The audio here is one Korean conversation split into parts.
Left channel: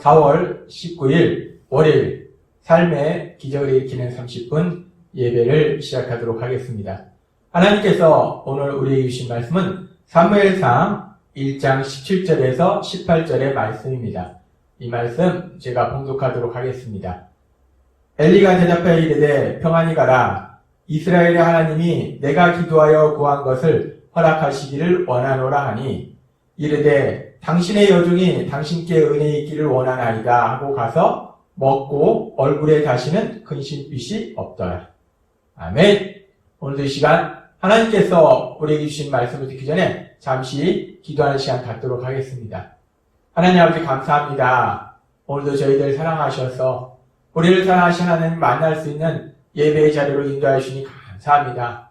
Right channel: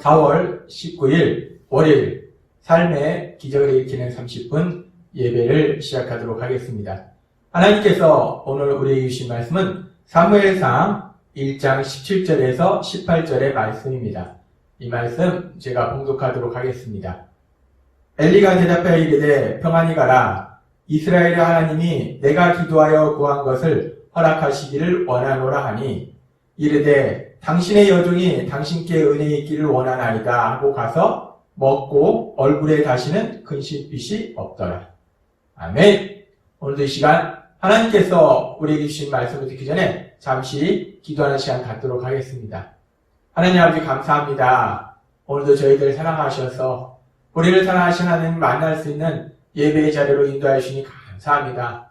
4월 19일 월요일 삶의 기적을 일으키는 30분 예배를 시작하도록 하겠습니다. 하나님께서 오늘 우리에게 주신 말씀은 사무엘상 1장 17절에서 18절의 말씀입니다. 이 말씀 제가 봉독하도록 하겠습니다. 엘리가 대답하여 이르되 평안히 가라. 이스라엘의 하나님이 내가 기도하여 구한 것을 허락하시기를 원하노라 하니 이르되 당신의 여종이 당신께 은혜 있기를 원하나이다 하고 가서 먹고 얼굴에 다시는 근심빛이 없더라. 아멘. 오늘도 이 시간 하나님께서 우리에게 주신 말씀을 듣기 전에 잠시 기도하는 시간 갖도록 하겠습니다. 하나님 아버지 감사합니다. 오늘도 저희들 사랑하셔서 우리를 사랑하신 하나님 만날 수 있는 예배의 자리로 인도하여 주시니 감사합니다.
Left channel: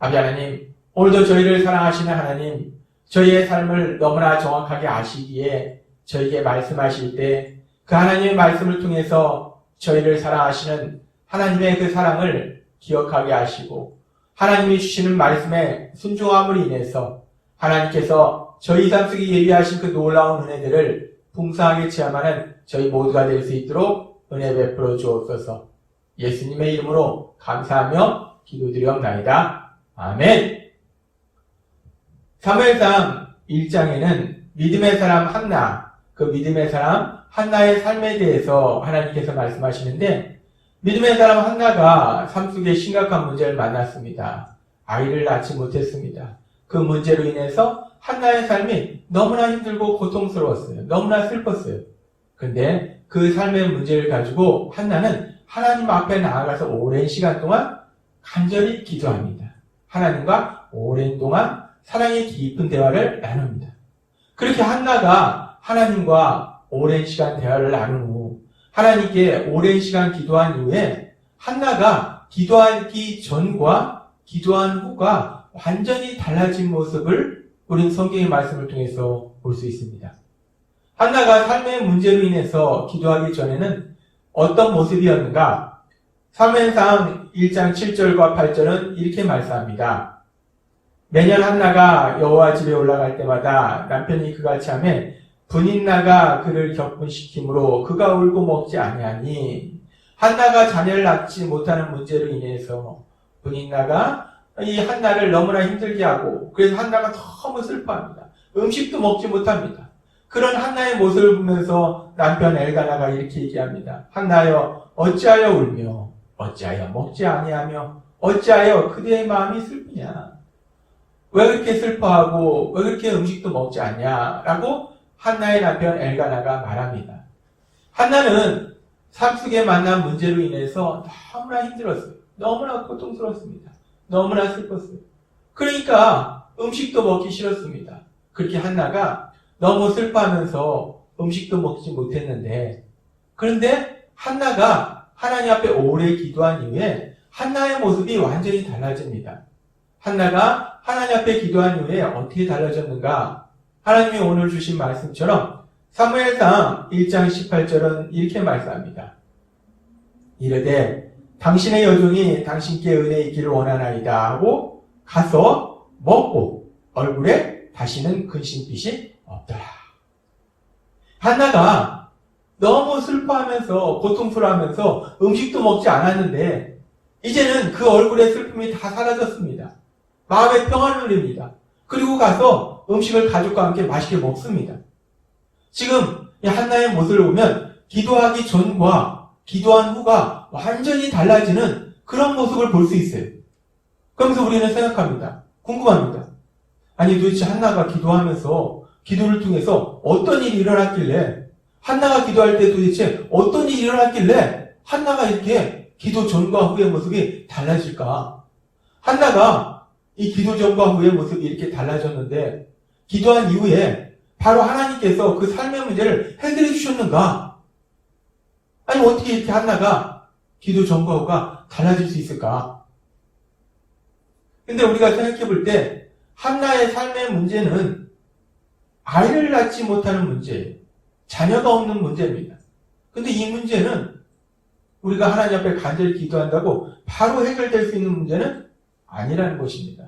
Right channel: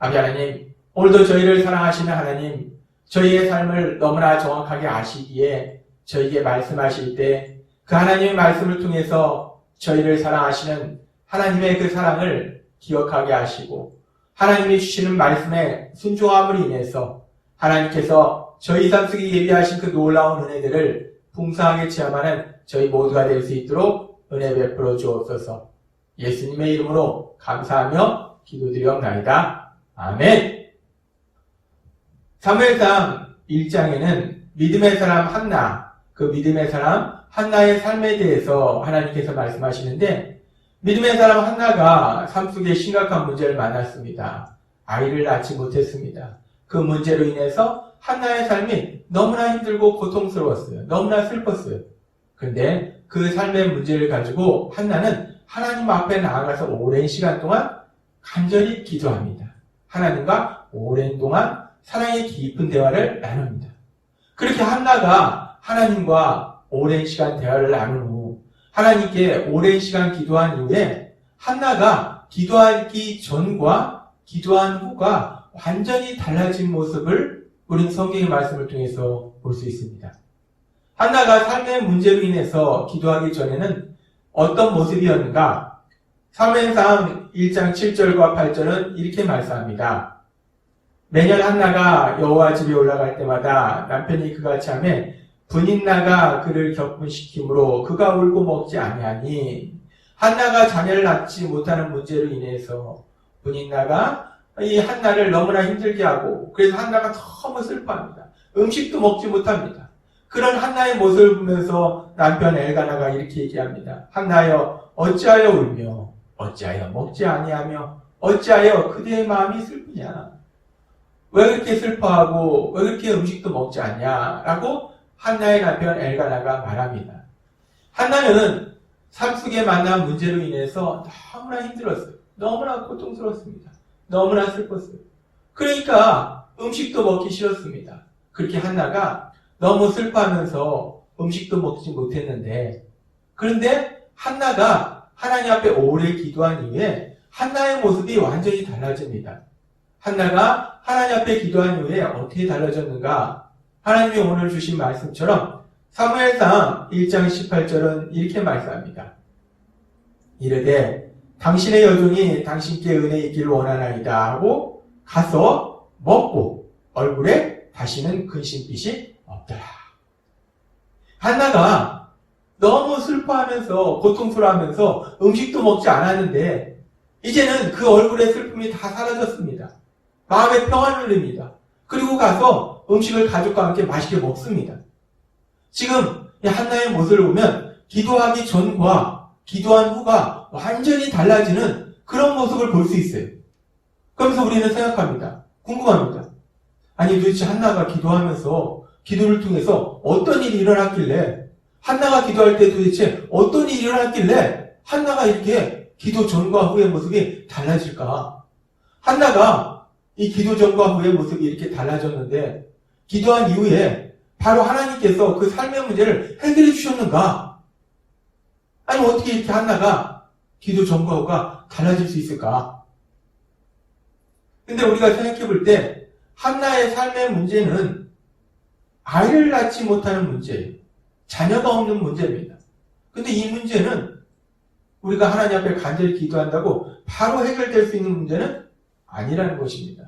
아버지 하나님, 오늘도 저희를 사랑하시는 하나님, 저희의 삶을 너무나 정확하게 아시기에 저희에게 말씀하실 때 그 하나님의 말씀을 통해서 저희를 사랑하시는 하나님의 그 사랑을 기억하게 하시고 하나님이 주시는 말씀에 순종함으로 인해서 하나님께서 저희 삶 속에 예비하신 그 놀라운 은혜들을 풍성하게 체험하는 저희 모두가 될 수 있도록 은혜 베풀어 주옵소서. 예수님의 이름으로 감사하며 기도드리옵나이다. 아멘. 사무엘상 1장에는 믿음의 사람 한나, 그 믿음의 사람 한나의 삶에 대해서 하나님께서 말씀하시는데 믿음의 사람 한나가 삶 속에 심각한 문제를 만났습니다. 아이를 낳지 못했습니다. 그 문제로 인해서 한나의 삶이 너무나 힘들고 고통스러웠어요. 너무나 슬펐어요. 근데 그 삶의 문제를 가지고 한나는 하나님 앞에 나아가서 오랜 시간 동안 간절히 기도합니다. 하나님과 오랜 동안 사랑의 깊은 대화를 나눕니다. 그렇게 한나가 하나님과 오랜 시간 대화를 나눈 후 하나님께 오랜 시간 기도한 이후에 한나가 기도하기 전과 기도한 후가 완전히 달라진 모습을 우린 성경의 말씀을 통해서 볼 수 있습니다. 한나가 삶의 문제로 인해서 기도하기 전에는 어떤 모습이었는가? 사무엘상 1장 7절과 8절은 이렇게 말씀합니다. 매년 한나가 여호와 집에 올라갈 때마다 남편이 그같이 하면 분인나가 그를 격분시키므로 그가 울고 먹지 아니하니 한나가 자녀를 낳지 못하는 문제로 인해서 분인나가 이 한나를 너무나 힘들게 하고 그래서 한나가 너무 슬퍼합니다. 음식도 먹지 못합니다. 그런 한나의 모습을 보면서 남편 엘가나가 이렇게 얘기합니다. 한나여 어찌하여 울며 어찌하여 먹지 아니하며 어찌하여 그대의 마음이 슬프냐. 왜 그렇게 슬퍼하고 왜 그렇게 음식도 먹지 않냐라고 한나의 남편 엘가나가 말합니다. 한나는 삶 속에 만난 문제로 인해서 너무나 힘들었어요. 너무나 고통스럽습니다. 너무나 슬펐어요. 그러니까 음식도 먹기 싫었습니다. 그렇게 한나가 너무 슬퍼하면서 음식도 먹지 못했는데 그런데 한나가 하나님 앞에 오래 기도한 이후에 한나의 모습이 완전히 달라집니다. 한나가 하나님 앞에 기도한 이후에 어떻게 달라졌는가? 하나님이 오늘 주신 말씀처럼 사무엘상 1장 18절은 이렇게 말씀합니다. 이르되 당신의 여종이 당신께 은혜 있기를 원하나이다 하고 가서 먹고 얼굴에 다시는 근심빛이 없더라. 한나가 너무 슬퍼하면서 고통스러워하면서 음식도 먹지 않았는데 이제는 그 얼굴의 슬픔이 다 사라졌습니다. 마음의 평안을 누립니다. 그리고 가서 음식을 가족과 함께 맛있게 먹습니다. 지금 이 한나의 모습을 보면 기도하기 전과 기도한 후가 완전히 달라지는 그런 모습을 볼 수 있어요. 그러면서 우리는 생각합니다. 궁금합니다. 아니 도대체 한나가 기도하면서 기도를 통해서 어떤 일이 일어났길래 한나가 기도할 때 도대체 어떤 일이 일어났길래 한나가 이렇게 기도 전과 후의 모습이 달라질까? 한나가 이 기도 전과 후의 모습이 이렇게 달라졌는데 기도한 이후에 바로 하나님께서 그 삶의 문제를 해결해 주셨는가? 아니면 어떻게 이렇게 한나가 기도 전과 후가 달라질 수 있을까? 근데 우리가 생각해 볼 때 한나의 삶의 문제는 아이를 낳지 못하는 문제예요. 자녀가 없는 문제입니다. 근데 이 문제는 우리가 하나님 앞에 간절히 기도한다고 바로 해결될 수 있는 문제는 아니라는 것입니다.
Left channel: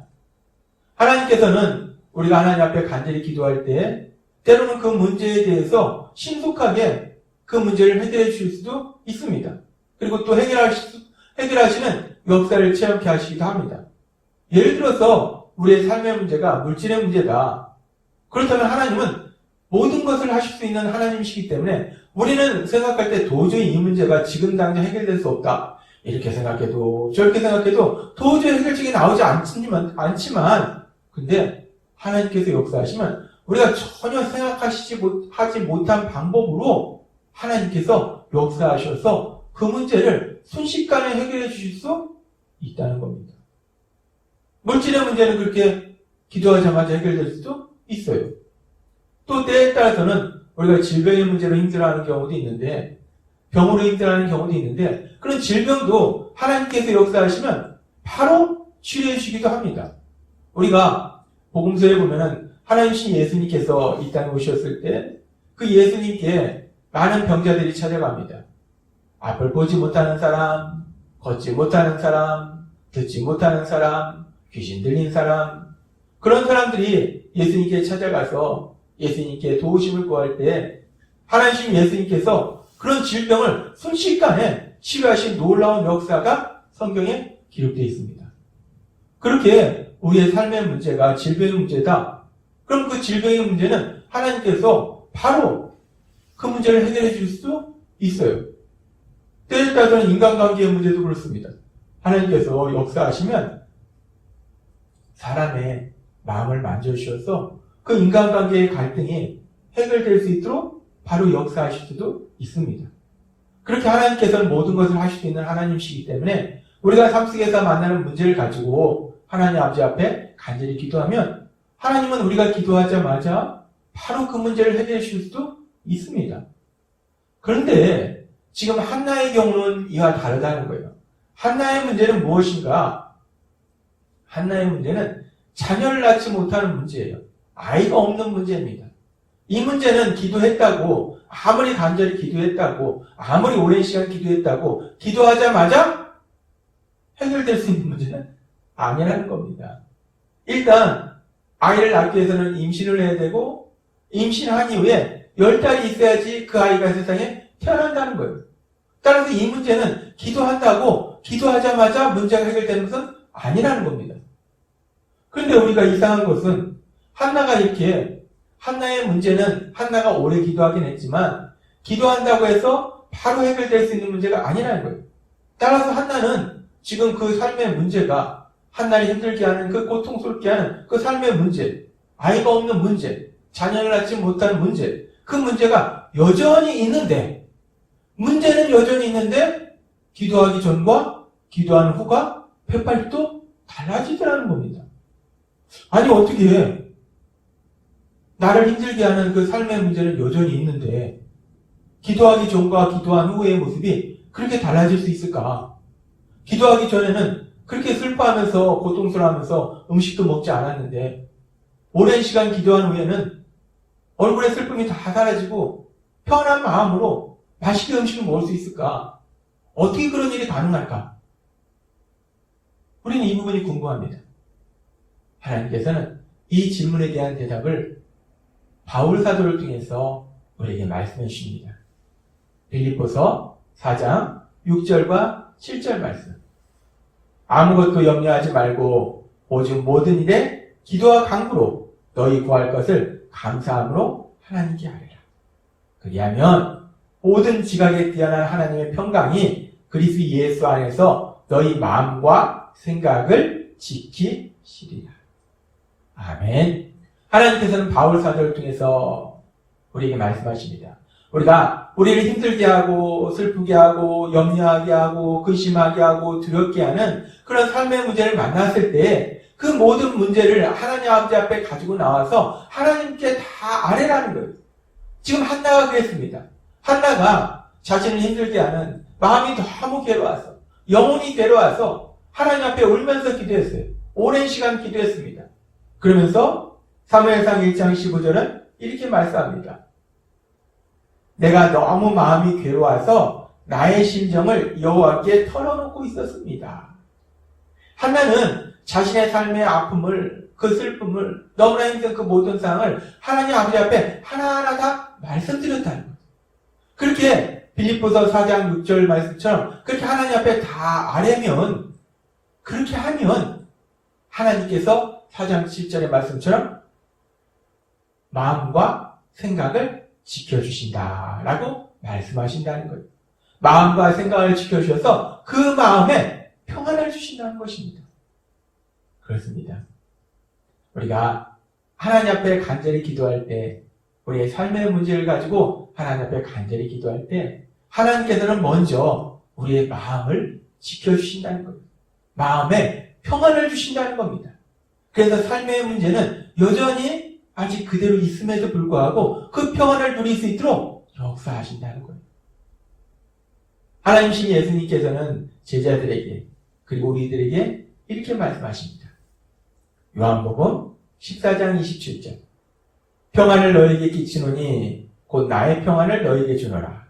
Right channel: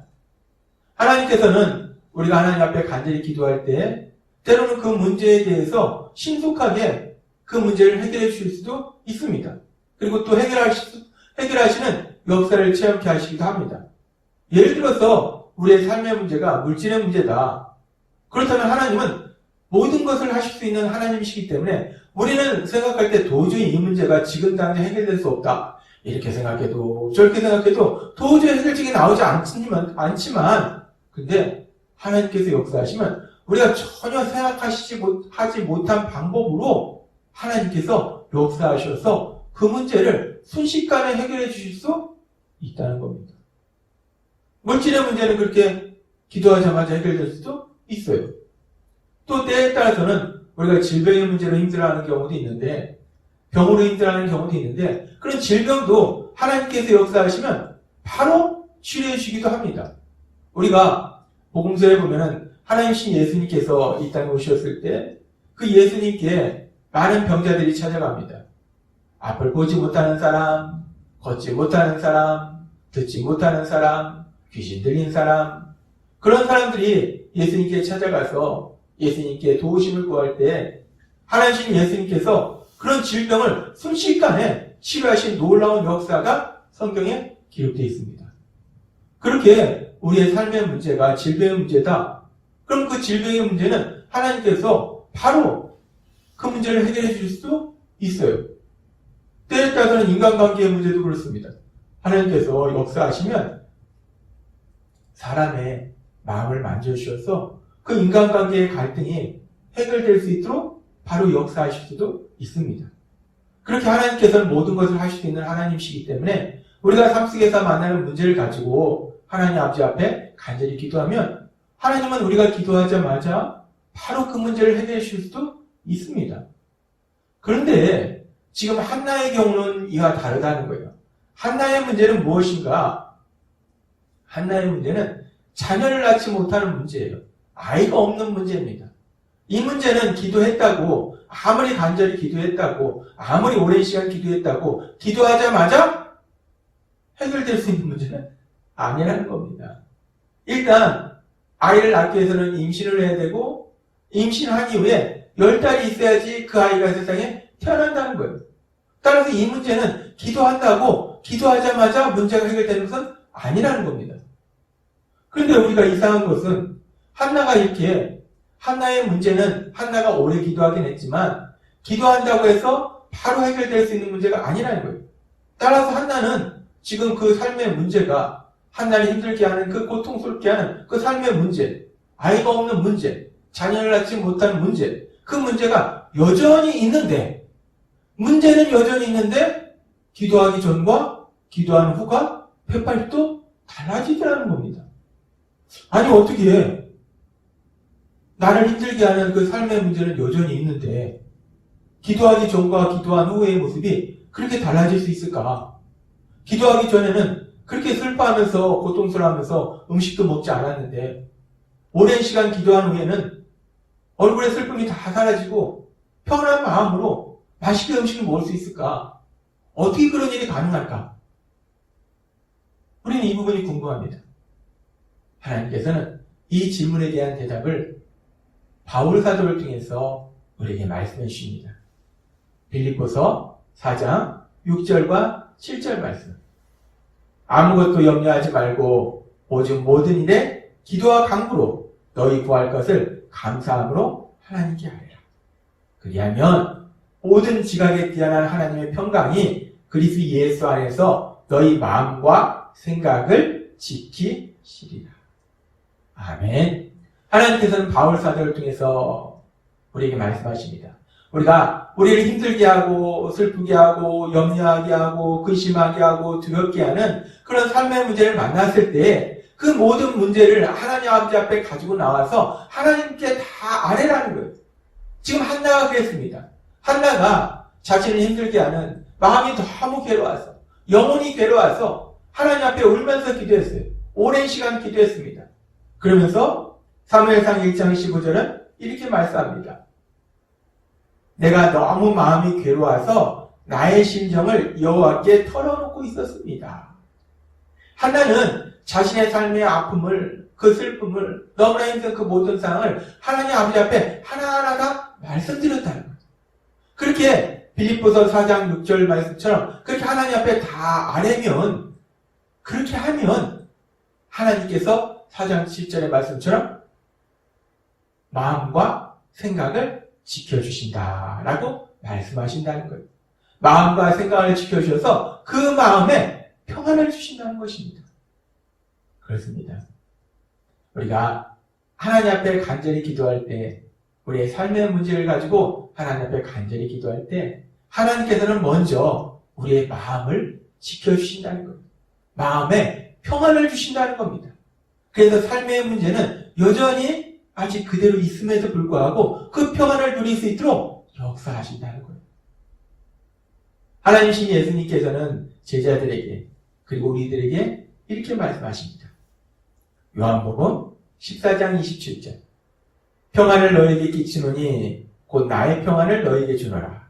하나님께서는 우리가 하나님 앞에 간절히 기도할 때 때로는 그 문제에 대해서 신속하게 그 문제를 해결해 주실 수도 있습니다. 그리고 또 해결하시는 역사를 체험케 하시기도 합니다. 예를 들어서 우리의 삶의 문제가 물질의 문제다. 그렇다면 하나님은 모든 것을 하실 수 있는 하나님이시기 때문에 우리는 생각할 때 도저히 이 문제가 지금 당장 해결될 수 없다. 이렇게 생각해도 저렇게 생각해도 도저히 해결책이 나오지 않지만 근데 하나님께서 역사하시면 우리가 전혀 하지 못한 방법으로 하나님께서 역사하셔서 그 문제를 순식간에 해결해 주실 수 있다는 겁니다. 물질의 문제는 그렇게 기도하자마자 해결될 수도 있어요. 또 때에 따라서는 우리가 질병의 문제로 힘들어하는 경우도 있는데 병으로 힘들어하는 경우도 있는데 그런 질병도 하나님께서 역사하시면 바로 치료해 주기도 합니다. 우리가 복음서에 보면은 하나님신 예수님께서 이 땅에 오셨을 때 그 예수님께 많은 병자들이 찾아갑니다. 앞을 보지 못하는 사람, 걷지 못하는 사람, 듣지 못하는 사람, 귀신 들린 사람, 그런 사람들이 예수님께 찾아가서 예수님께 도우심을 구할 때 하나님 예수님께서 그런 질병을 순식간에 치료하신 놀라운 역사가 성경에 기록되어 있습니다. 그렇게 우리의 삶의 문제가 질병의 문제다. 그럼 그 질병의 문제는 하나님께서 바로 그 문제를 해결해 줄 수 있어요. 때에 따라서는 인간관계의 문제도 그렇습니다. 하나님께서 역사하시면 사람의 마음을 만져주셔서 그 인간관계의 갈등이 해결될 수 있도록 바로 역사하실 수도 있습니다. 그렇게 하나님께서는 모든 것을 하실 수 있는 하나님이시기 때문에 우리가 삶 속에서 만나는 문제를 가지고 하나님 아버지 앞에 간절히 기도하면 하나님은 우리가 기도하자마자 바로 그 문제를 해결해 주실 수도 있습니다. 그런데 지금 한나의 경우는 이와 다르다는 거예요. 한나의 문제는 무엇인가? 한나의 문제는 자녀를 낳지 못하는 문제예요. 아이가 없는 문제입니다. 이 문제는 기도했다고, 아무리 간절히 기도했다고, 아무리 오랜 시간 기도했다고, 기도하자마자 해결될 수 있는 문제는 아니라는 겁니다. 일단 아이를 낳기 위해서는 임신을 해야 되고, 임신한 이후에 10달이 있어야지 그 아이가 세상에 태어난다는 거예요. 따라서 이 문제는 기도한다고 기도하자마자 문제가 해결되는 것은 아니라는 겁니다. 그런데 우리가 이상한 것은 한나의 문제는 한나가 오래 기도하긴 했지만 기도한다고 해서 바로 해결될 수 있는 문제가 아니라는 거예요. 따라서 한나는 지금 그 삶의 문제가 한나를 힘들게 하는 그 고통스럽게 하는 그 삶의 문제, 아이가 없는 문제, 자녀를 낳지 못하는 문제, 그 문제가 여전히 있는데 문제는 여전히 있는데 기도하기 전과 기도하는 후가 180도 달라지더라는 겁니다. 아니 어떻게 나를 힘들게 하는 그 삶의 문제는 여전히 있는데 기도하기 전과 기도한 후의 모습이 그렇게 달라질 수 있을까? 기도하기 전에는 그렇게 슬퍼하면서 고통스러워하면서 음식도 먹지 않았는데 오랜 시간 기도한 후에는 얼굴의 슬픔이 다 사라지고 편한 마음으로 맛있게 음식을 먹을 수 있을까? 어떻게 그런 일이 가능할까? 우리는 이 부분이 궁금합니다. 하나님께서는 이 질문에 대한 대답을 바울 사도를 통해서 우리에게 말씀해 주십니다. 빌립보서 4장 6절과 7절 말씀. 아무것도 염려하지 말고 오직 모든 일에 기도와 간구로 너희 구할 것을 감사함으로 하나님께 하리라. 그리하면 모든 지각에 뛰어난 하나님의 평강이 그리스도 예수 안에서 너희 마음과 생각을 지키시리라. 아멘. 하나님께서는 바울 사도를 통해서 우리에게 말씀하십니다. 우리가 우리를 힘들게 하고 슬프게 하고 염려하게 하고 근심하게 하고 두렵게 하는 그런 삶의 문제를 만났을 때 그 모든 문제를 하나님 아버지 앞에 가지고 나와서 하나님께 다 아뢰라는 거예요. 지금 한나가 그랬습니다. 한나가 자신을 힘들게 하는 마음이 너무 괴로워서 영혼이 괴로워서 하나님 앞에 울면서 기도했어요. 오랜 시간 기도했습니다. 그러면서 사무엘상 1장 15절은 이렇게 말씀합니다. 내가 너무 마음이 괴로워서 나의 심정을 여호와께 털어놓고 있었습니다. 한나는 자신의 삶의 아픔을, 그 슬픔을, 너무나 힘든 그 모든 상황을 하나님 아버지 앞에 하나하나 다 말씀드렸다는 거죠. 그렇게 빌립보서 4장 6절 말씀처럼 그렇게 하나님 앞에 다 아뢰면, 그렇게 하면 하나님께서 4장 7절의 말씀처럼 마음과 생각을 지켜주신다라고 말씀하신다는 거예요. 마음과 생각을 지켜주셔서 그 마음에 평안을 주신다는 것입니다. 그렇습니다. 우리가 하나님 앞에 간절히 기도할 때, 우리의 삶의 문제를 가지고 하나님 앞에 간절히 기도할 때 하나님께서는 먼저 우리의 마음을 지켜주신다는 겁니다. 마음에 평안을 주신다는 겁니다. 그래서 삶의 문제는 여전히 아직 그대로 있음에도 불구하고 그 평안을 누릴 수 있도록 역사하신다는 거예요. 하나님이신 예수님께서는 제자들에게 그리고 우리들에게 이렇게 말씀하십니다. 요한복음 14장 27절, 평안을 너희에게 끼치노니 곧 나의 평안을 너희에게 주노라.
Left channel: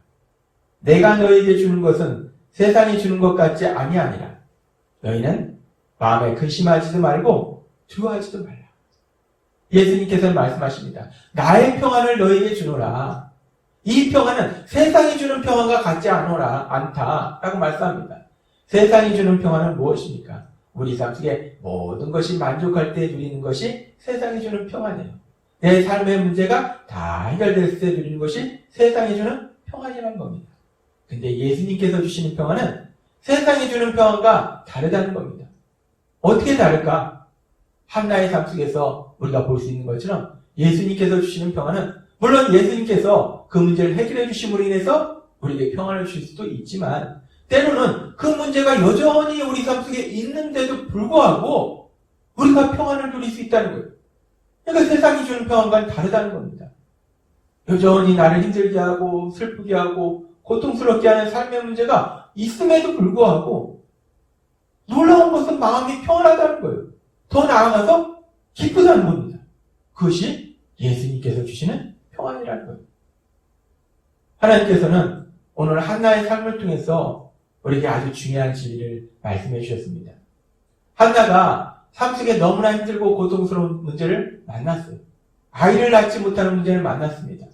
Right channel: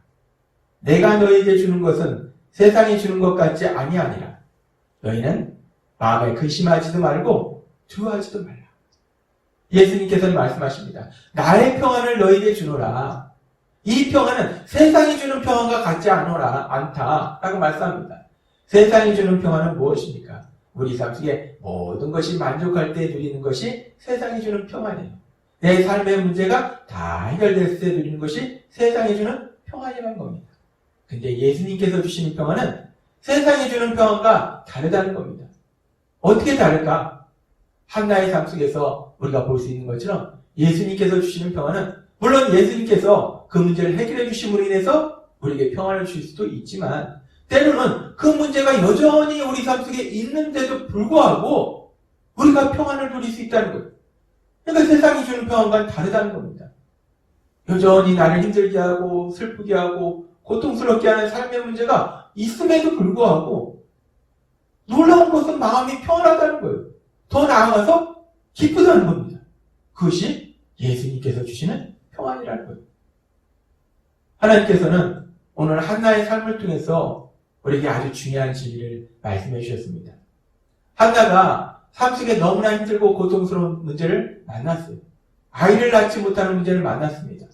내가 너희에게 주는 것은 세상이 주는 것 같지 아니하니라. 너희는 마음에 근심하지도 말고 두려워하지도 말라. 예수님께서는 말씀하십니다. 나의 평안을 너희에게 주노라. 이 평안은 세상이 주는 평안과 같지 않다라고 말씀합니다. 세상이 주는 평안은 무엇입니까? 우리 삶 속에 모든 것이 만족할 때 누리는 것이 세상이 주는 평안이에요. 내 삶의 문제가 다 해결됐을 때 누리는 것이 세상이 주는 평안이라는 겁니다. 근데 예수님께서 주시는 평안은 세상이 주는 평안과 다르다는 겁니다. 어떻게 다를까? 한나의 삶 속에서 우리가 볼 수 있는 것처럼 예수님께서 주시는 평안은, 물론 예수님께서 그 문제를 해결해 주심으로 인해서 우리에게 평안을 주실 수도 있지만, 때로는 그 문제가 여전히 우리 삶 속에 있는데도 불구하고 우리가 평안을 누릴 수 있다는 거예요. 그러니까 세상이 주는 평안과는 다르다는 겁니다. 여전히 나를 힘들게 하고 슬프게 하고 고통스럽게 하는 삶의 문제가 있음에도 불구하고 놀라운 것은 마음이 평안하다는 거예요. 더 나아가서 기쁘다는 겁니다. 그것이 예수님께서 주시는 평안이라는 거예요. 하나님께서는 오늘 한나의 삶을 통해서 우리에게 아주 중요한 진리를 말씀해 주셨습니다. 한나가 삶 속에 너무나 힘들고 고통스러운 문제를 만났어요. 아이를 낳지 못하는 문제를 만났습니다.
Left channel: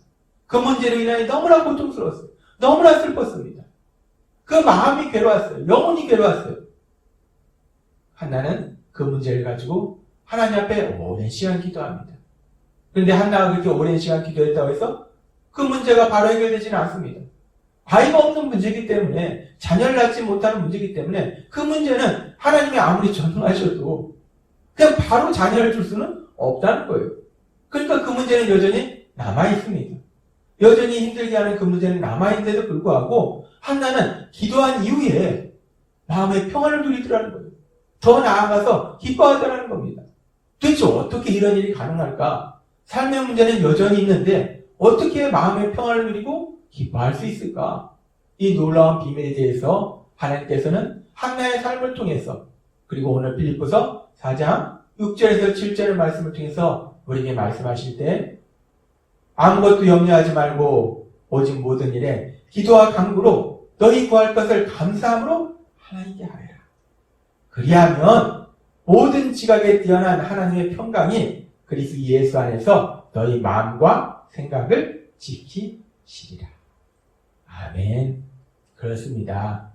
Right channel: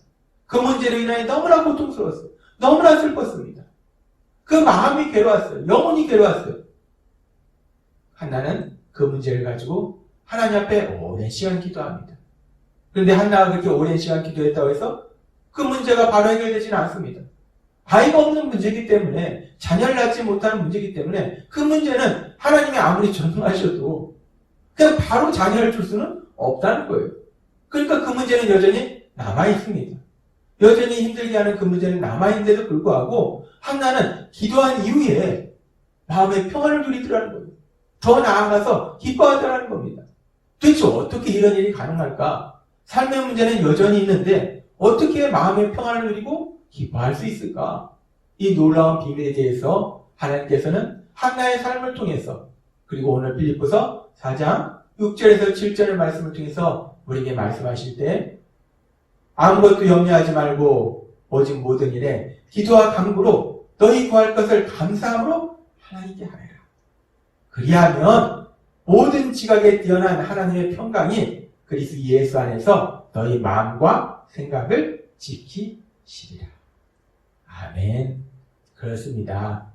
그 문제로 인하여 너무나 고통스러웠어요. 너무나 슬펐습니다. 그 마음이 괴로웠어요. 영혼이 괴로웠어요. 한나는 그 문제를 가지고 하나님 앞에 오랜 시간 기도합니다. 그런데 한나가 그렇게 오랜 시간 기도했다고 해서 그 문제가 바로 해결되지는 않습니다. 아이가 없는 문제이기 때문에, 자녀를 낳지 못하는 문제이기 때문에 그 문제는 하나님이 아무리 전능하셔도 그냥 바로 자녀를 줄 수는 없다는 거예요. 그러니까 그 문제는 여전히 남아있습니다. 여전히 힘들게 하는 그 문제는 남아있는데도 불구하고 한나는 기도한 이후에 마음의 평안을 누리더라는 거예요. 더 나아가서 기뻐하더라는 겁니다. 도대체 어떻게 이런 일이 가능할까? 삶의 문제는 여전히 있는데 어떻게 마음의 평안을 누리고 기뻐할 수 있을까? 이 놀라운 비밀에 대해서 하나님께서는 한나의 삶을 통해서, 그리고 오늘 빌립보서 4장 6절에서 7절의 말씀을 통해서 우리에게 말씀하실 때, 아무것도 염려하지 말고 오직 모든 일에 기도와 간구로 너희 구할 것을 감사함으로 하나님께 하리라. 그리하면 모든 지각에 뛰어난 하나님의 평강이 그리스도 예수 안에서 너희 마음과 생각을 지키시리라. 아멘. 그렇습니다.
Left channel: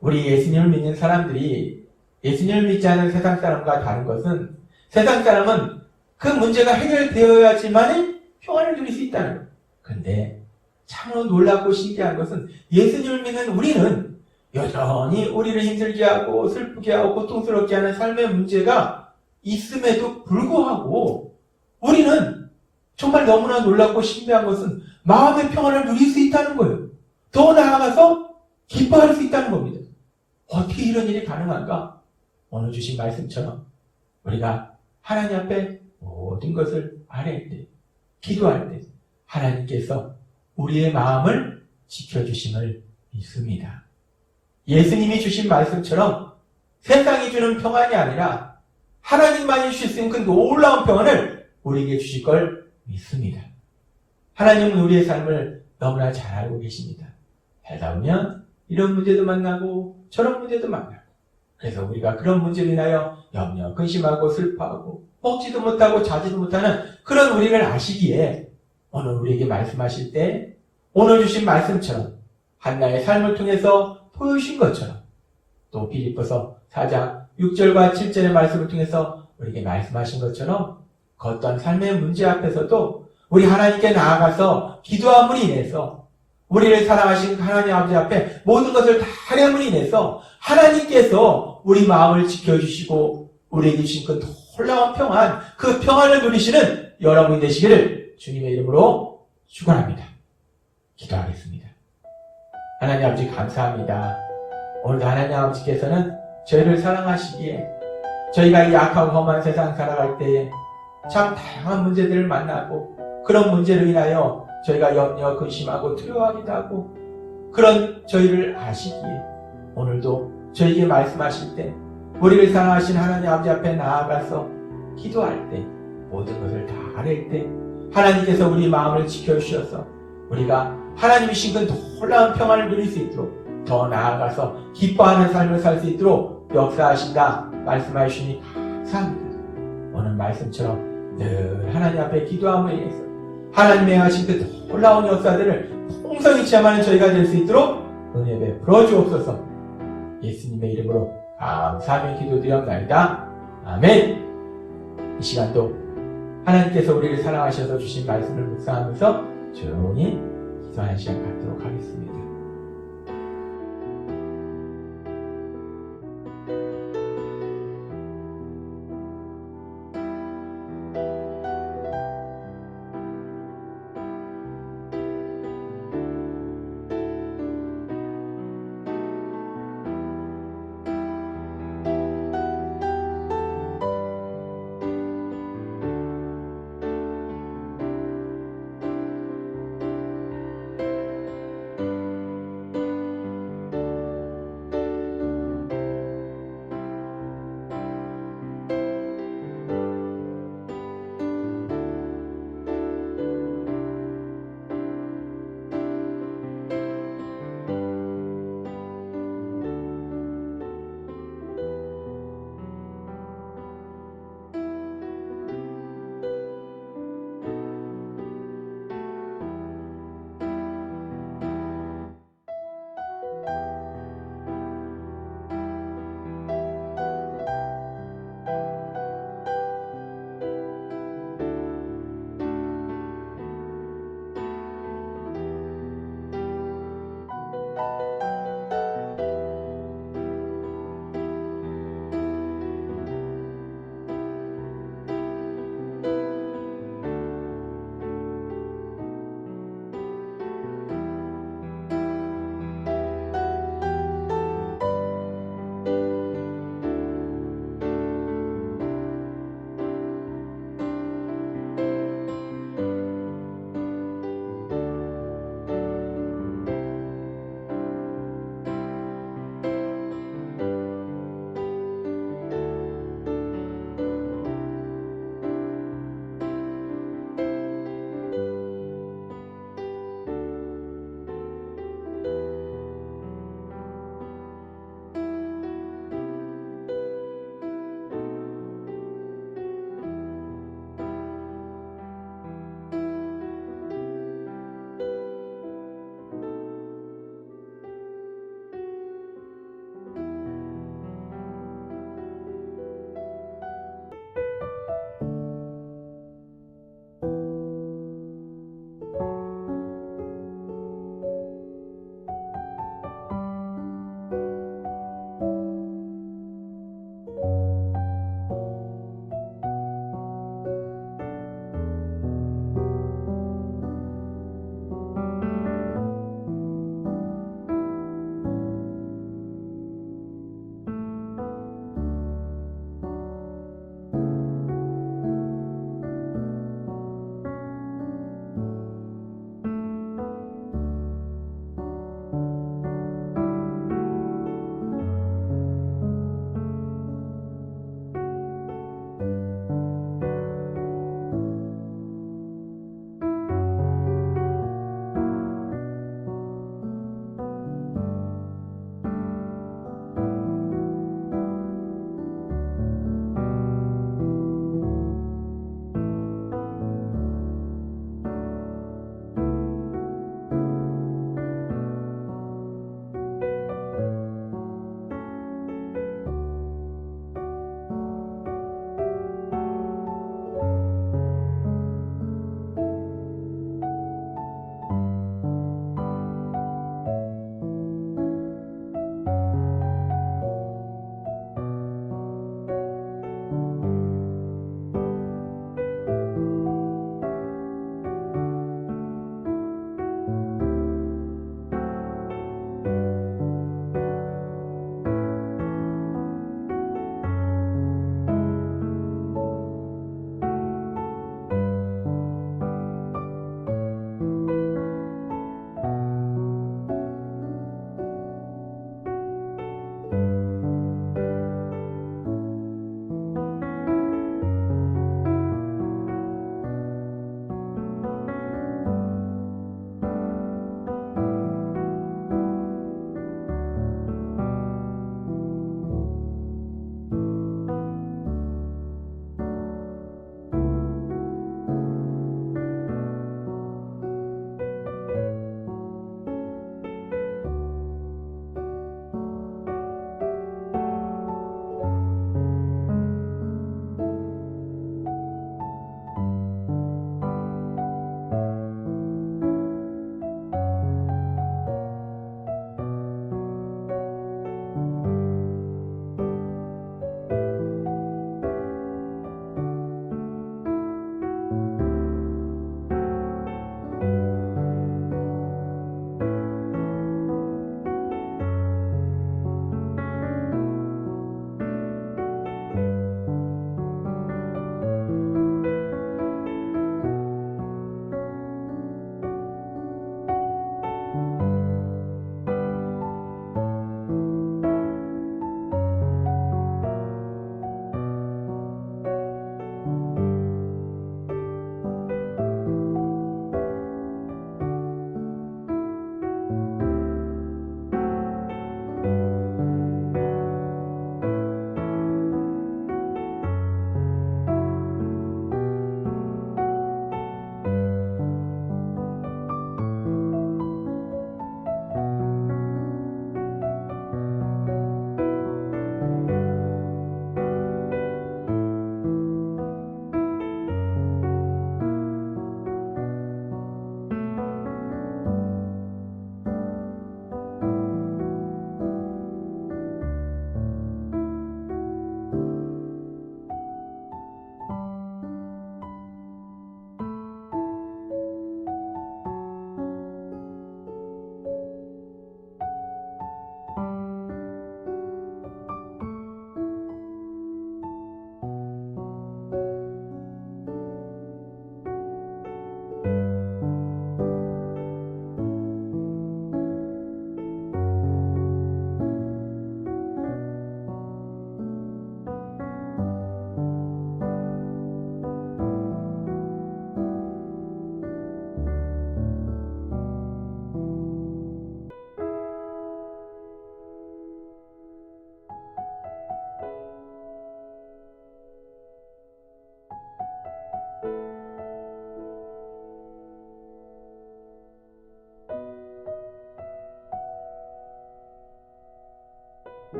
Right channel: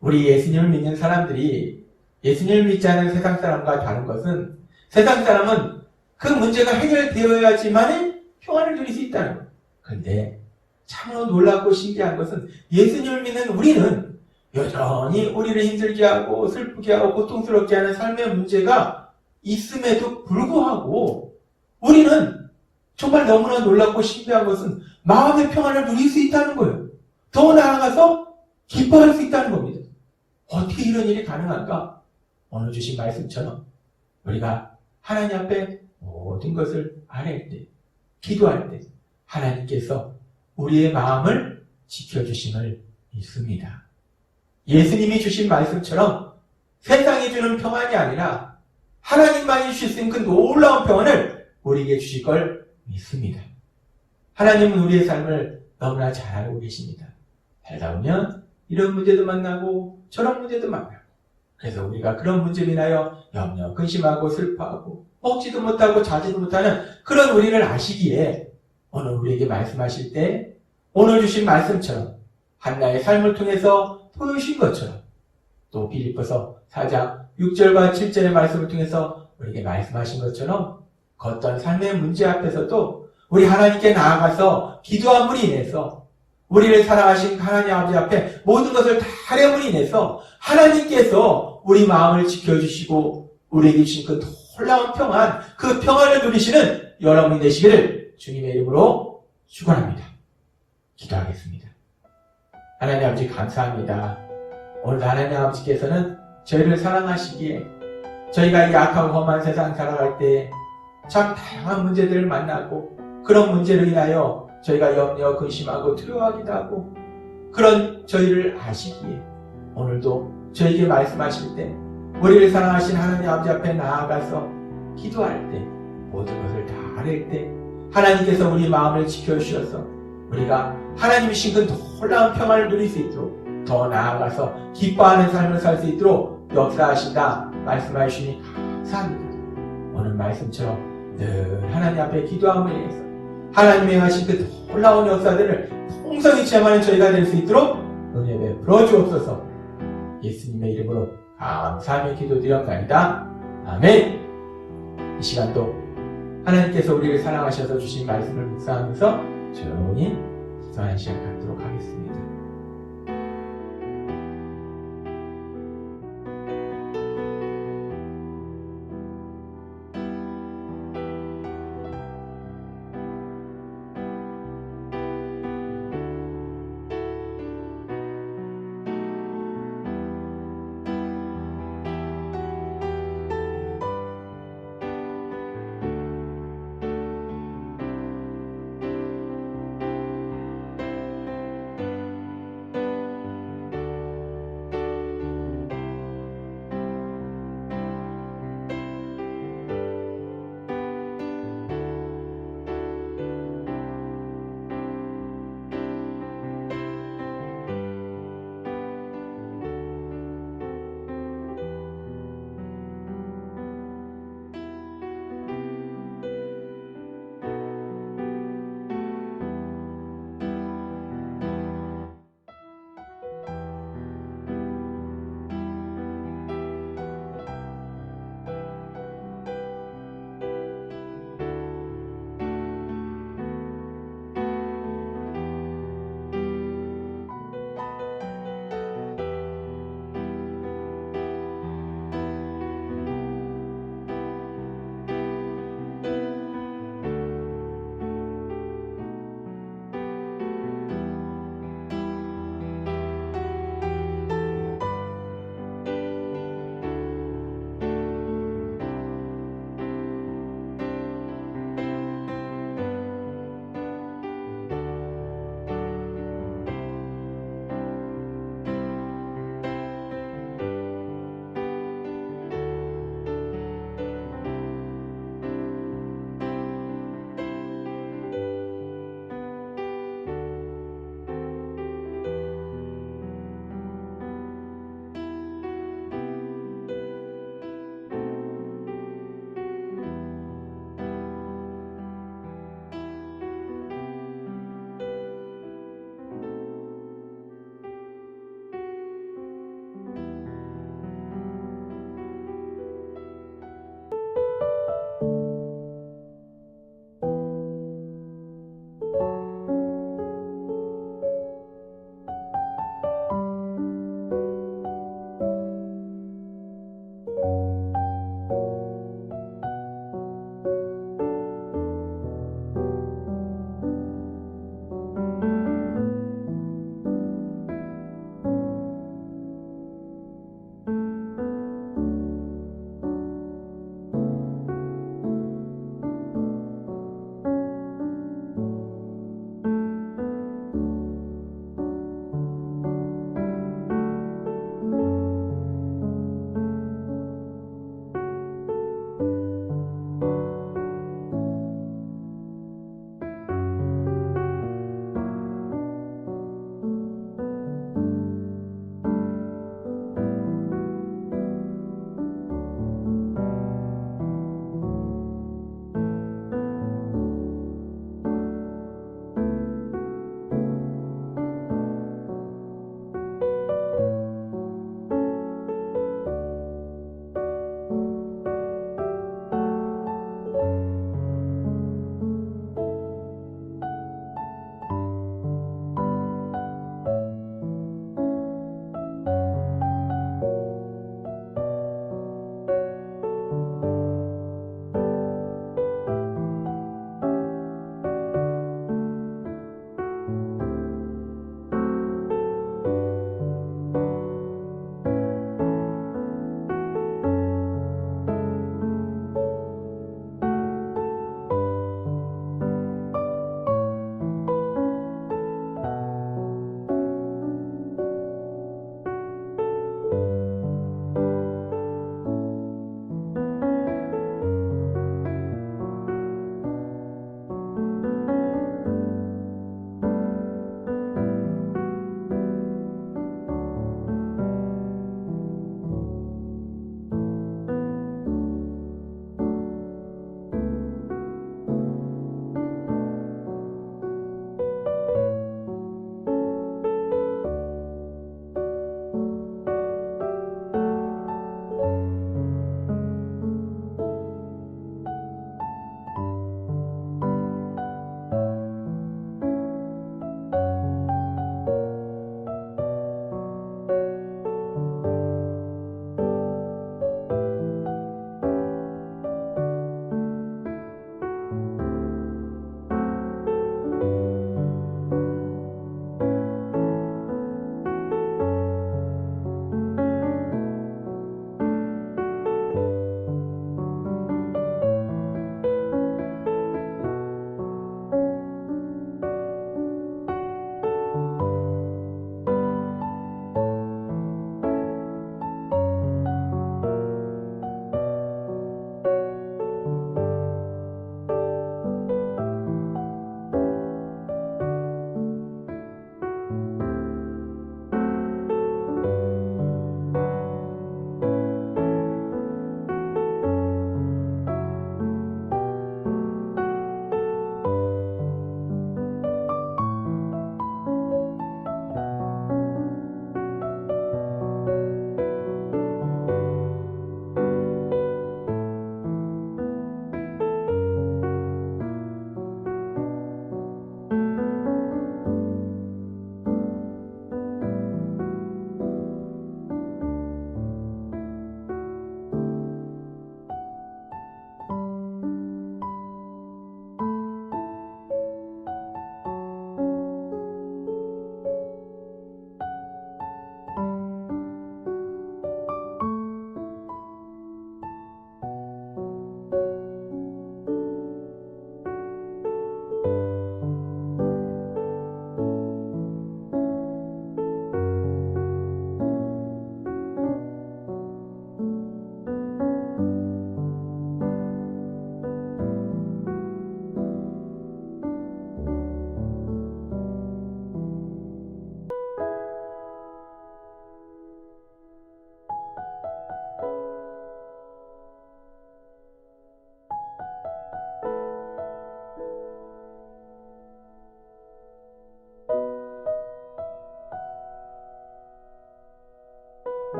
우리 예수님을 믿는 사람들이 예수님을 믿지 않는 세상 사람과 다른 것은, 세상 사람은 그 문제가 해결되어야지만 평안을 누릴 수 있다는 거예요. 그런데 참 놀랍고 신기한 것은 예수님을 믿는 우리는 여전히 우리를 힘들게 하고 슬프게 하고 고통스럽게 하는 삶의 문제가 있음에도 불구하고 우리는 정말 너무나 놀랍고 신기한 것은 마음의 평안을 누릴 수 있다는 거예요. 더 나아가서 기뻐할 수 있다는 겁니다. 어떻게 이런 일이 가능할까? 오늘 주신 말씀처럼 우리가 하나님 앞에 모든 것을 아뢰을 때, 기도할 때 하나님께서 우리의 마음을 지켜주심을 믿습니다. 예수님이 주신 말씀처럼 세상이 주는 평안이 아니라 하나님만이 주실 수 있는 그 놀라운 평안을 우리에게 주실 걸 믿습니다. 하나님은 우리의 삶을 너무나 잘 알고 계십니다. 살다 보면 이런 문제도 만나고 저런 문제도 만나고, 그래서 우리가 그런 문제로 인하여 염려, 근심하고 슬퍼하고 먹지도 못하고 자지도 못하는 그런 우리를 아시기에 오늘 우리에게 말씀하실 때 오늘 주신 말씀처럼 한나의 삶을 통해서 보여주신 것처럼 또 빌립보서 4장 6절과 7절의 말씀을 통해서 우리에게 말씀하신 것처럼 그 어떤 삶의 문제 앞에서도 우리 하나님께 나아가서 기도함으로 인해서 우리를 사랑하신 하나님 아버지 앞에 모든 것을 다 하려므로 인해서 하나님께서 우리 마음을 지켜주시고 우리에게 주신 그 놀라운 평안, 그 평안을 누리시는 여러분이 되시기를 주님의 이름으로 축원합니다. 기도하겠습니다. 하나님 아버지 감사합니다. 오늘도 하나님 아버지께서는 저희를 사랑하시기에 저희가 이 악하고 험한 세상 살아갈 때 참 다양한 문제들을 만나고 그런 문제로 인하여 저희가 염려, 근심하고 두려워하기도 하고 그런 저희를 아시기에 오늘도 저희에게 말씀하실 때 우리를 사랑하신 하나님 아버지 앞에 나아가서 기도할 때 모든 것을 다 아뢰 때 하나님께서 우리 마음을 지켜주셔서 우리가 하나님이신 그 놀라운 평안을 누릴 수 있도록 더 나아가서 기뻐하는 삶을 살 수 있도록 역사하신다 말씀해 주시니 감사합니다. 오늘 말씀처럼 늘 하나님 앞에 기도함에 의해서 하나님의 하신 그 놀라운 역사들을 풍성히 체험하는 저희가 될 수 있도록 은혜 베풀어 주옵소서. 예수님의 이름으로 감사하며 기도드렸나이다. 아멘. 이 시간도 하나님께서 우리를 사랑하셔서 주신 말씀을 묵상하면서 조용히 기도하는 시간 갖도록 하겠습니다.